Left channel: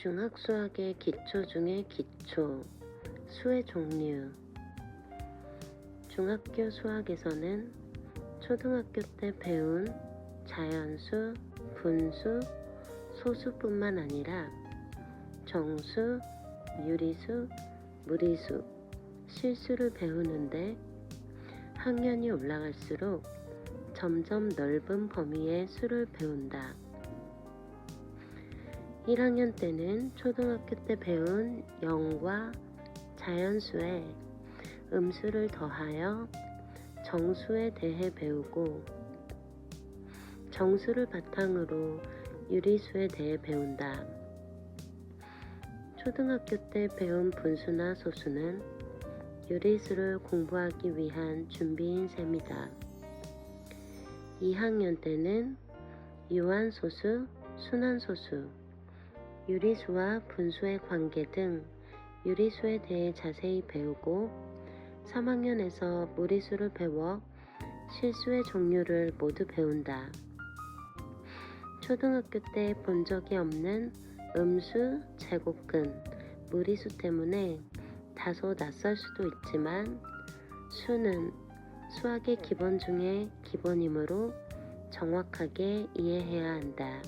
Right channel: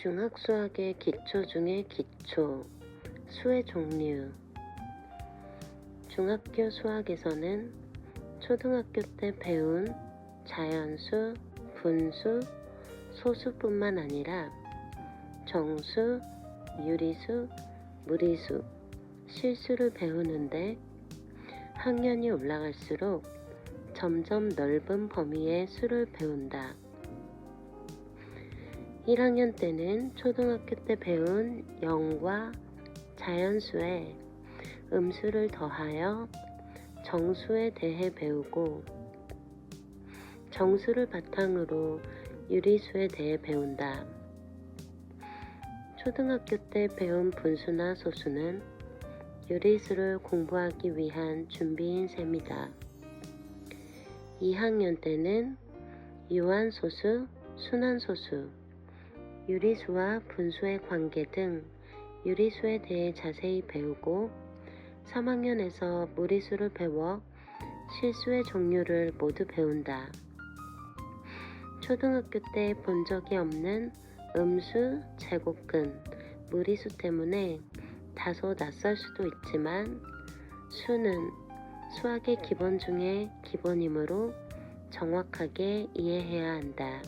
중학수학의 기초 중의 기초, 수의 종류. 중학교 수학에서는 초등학교 때 배운 자연수, 분수, 소수뿐만 아니라 정수, 유리수, 무리수, 실수를 배우는데 학년이 올라갈수록 점점 넓은 범위의 수를 배운다. 1학년 때는 초등학교 때 배운 영과 자연수에 음수를 더하여 정수에 대해 배우고 정수를 바탕으로 유리수에 대해 배운다. 초등학교 때 배운 분수나 소수는 유리수를 공부하기 위한 준비인 셈이다. 2학년 때는 유한소수, 순환소수, 유리수와 분수의 관계 등 유리수에 대해 자세히 배우고 3학년에서 무리수를 배워 실수의 종류를 모두 배운다. 초등학교 때 본 적이 없는 음수, 제곱근, 무리수 때문에 다소 낯설 수도 있지만 수는 수학의 기본 중에 기본이므로 정확하게 이해해야 한다.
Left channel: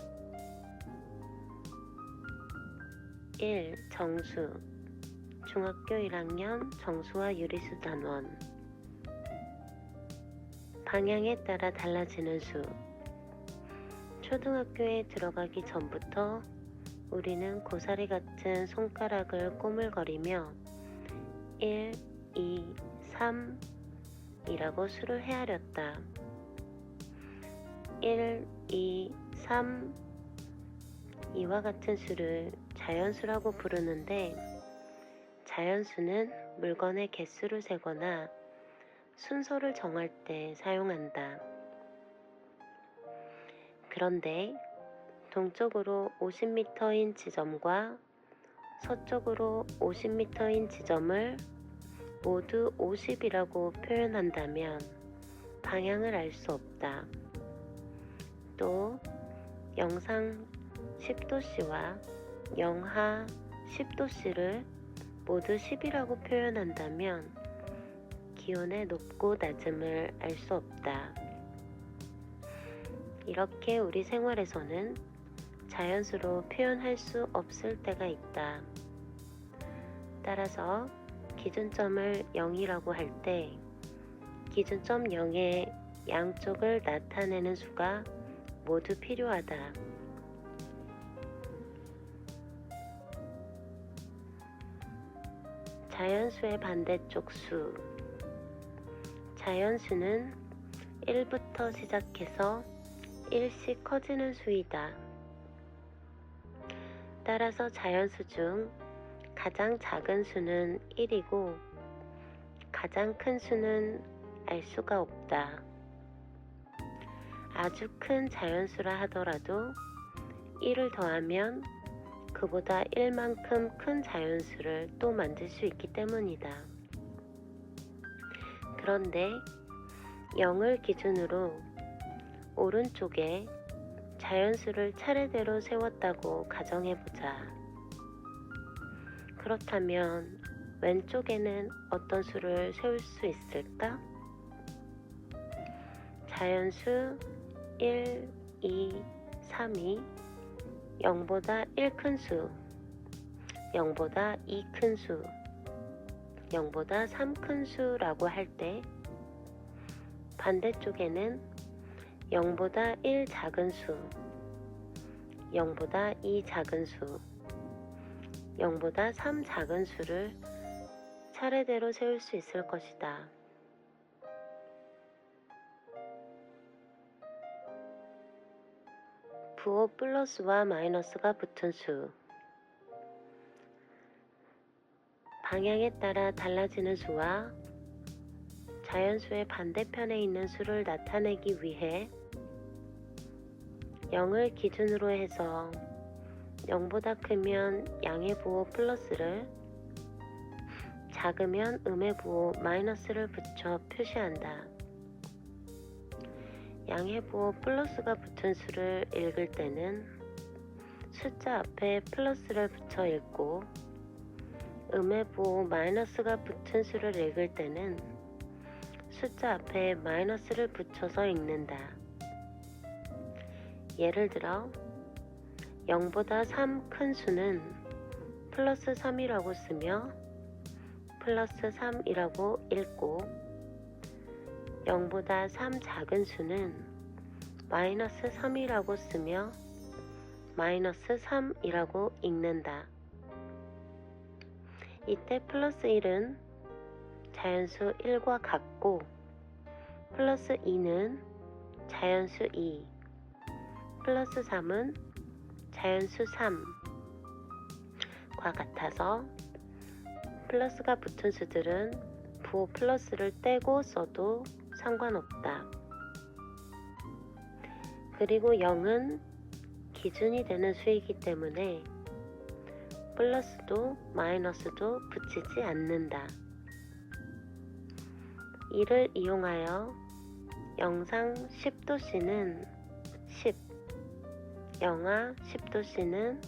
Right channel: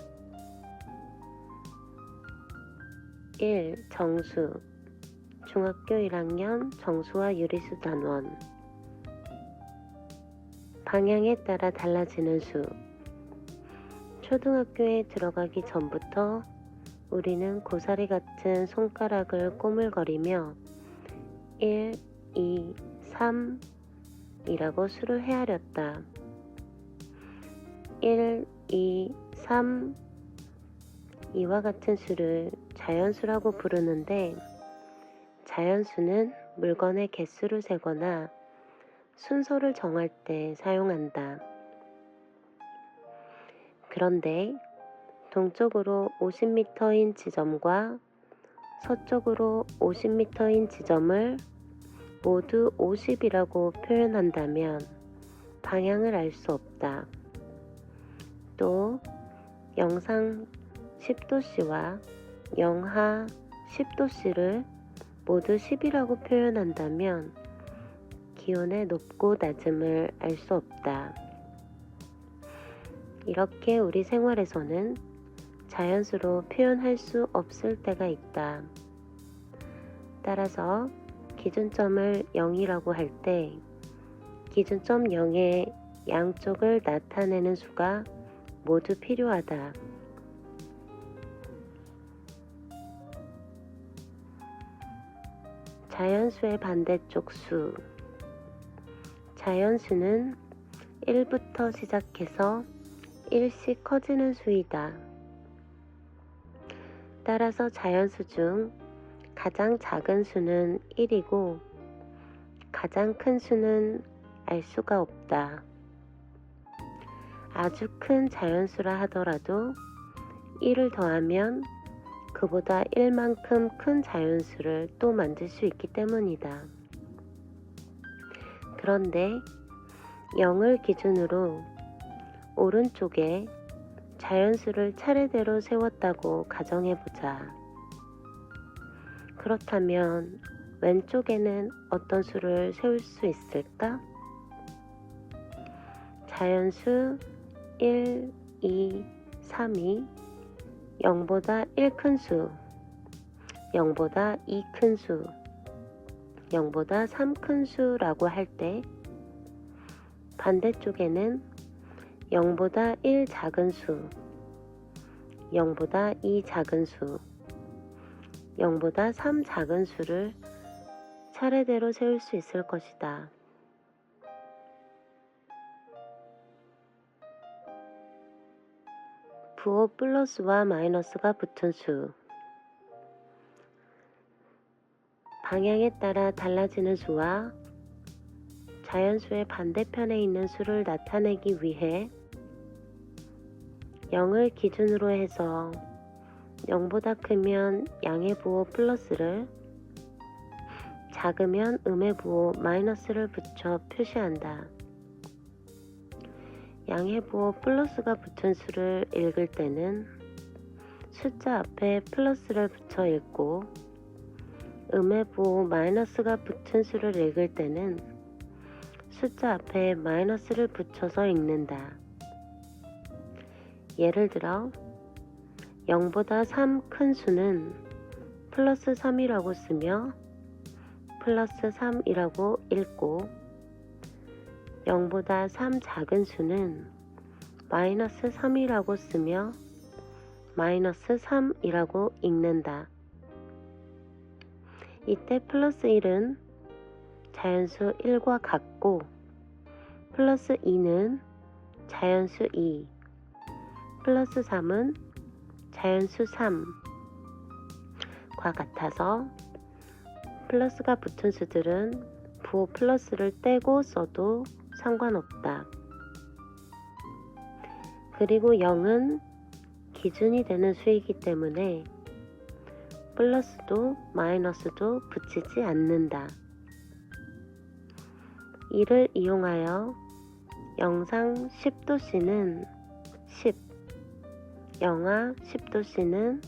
1. 정수. 중학교 1학년 정수와 유리수 단원. 방향에 따라 달라지는 수. 초등학교에 들어가기 전부터 우리는 고사리 같은 손가락을 꼬물거리며 1, 2, 3 이라고 수를 헤아렸다. 1, 2, 3 이와 같은 수를 자연수라고 부르는데 자연수는 물건의 개수를 세거나 순서를 정할 때 사용한다. 그런데 동쪽으로 50m인 지점과 서쪽으로 50m인 지점을 모두 50이라고 표현한다면 방향을 알 수 없다. 또 영상 10도씨와 영하 10도씨를 모두 10이라고 표현한다면 기온의 높고 낮음을 알 수 없다. 이렇게 우리 생활에서는 자연수로 표현할 수 없을 때가 있다. 따라서 기준점을 0이라고 할 때 기준점 0의 양쪽을 나타내는 수가 모두 필요하다. 자연수의 반대쪽 수. 자연수는 1부터 시작해서 1씩 커지는 수이다. 따라서 자연수 중 가장 작은 수는 1이고 가장 큰 수는 알 수가 없다. 아주 큰 자연수라 하더라도 1을 더하면 그보다 1만큼 큰 자연수를 또 만들 수 있기 때문이다. 그런데 0을 기준으로 오른쪽에 자연수를 차례대로 세웠다고 가정해보자. 그렇다면 왼쪽에는 어떤 수를 세울 수 있을까? 자연수 1, 2, 3이 0보다 1 큰 수, 0보다 2 큰 수, 0보다 3 큰 수라고 할 때 반대쪽에는 0보다 1 작은 수, 0보다 2 작은 수, 0보다 3 작은 수를 차례대로 세울 수 있을 것이다. 부호 플러스와 마이너스가 붙은 수. 방향에 따라 달라지는 수와 자연수의 반대편에 있는 수를 나타내기 위해 0을 기준으로 해서 0보다 크면 양의 부호 플러스를, 작으면 음의 부호 마이너스를 붙여 표시한다. 양의 부호 플러스가 붙은 수를 읽을 때는 숫자 앞에 플러스를 붙여 읽고 음해부 마이너스가 붙은 수를 읽을 때는 숫자 앞에 마이너스를 붙여서 읽는다. 예를 들어 0보다 3 큰 수는 플러스 3이라고 쓰며 플러스 3이라고 읽고 0보다 3 작은 수는 마이너스 3이라고 쓰며 마이너스 3이라고 읽는다. 이때 플러스 1은 자연수 1과 같고 플러스 2는 자연수 2, 플러스 3은 자연수 3과 같아서 플러스가 붙은 수들은 부호 플러스를 떼고 써도 상관없다. 그리고 0은 기준이 되는 수이기 때문에 플러스도 마이너스도 붙이지 않는다. 이를 이용하여 영상 10도씨는 10, 영하 10도씨는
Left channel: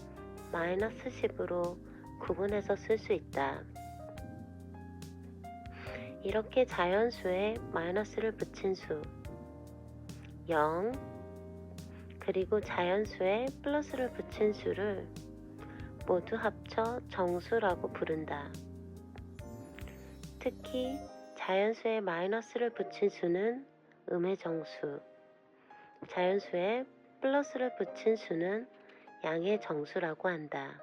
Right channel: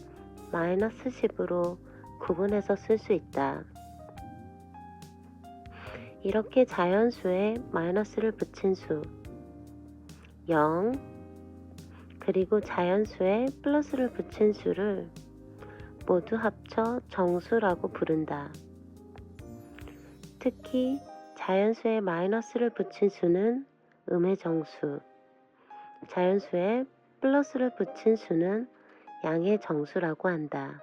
마이너스 10으로 구분해서 쓸 수 있다. 이렇게 자연수에 마이너스를 붙인 수 0, 그리고 자연수에 플러스를 붙인 수를 모두 합쳐 정수라고 부른다. 특히 자연수에 마이너스를 붙인 수는 음의 정수, 자연수에 플러스를 붙인 수는 양의 정수라고 한다.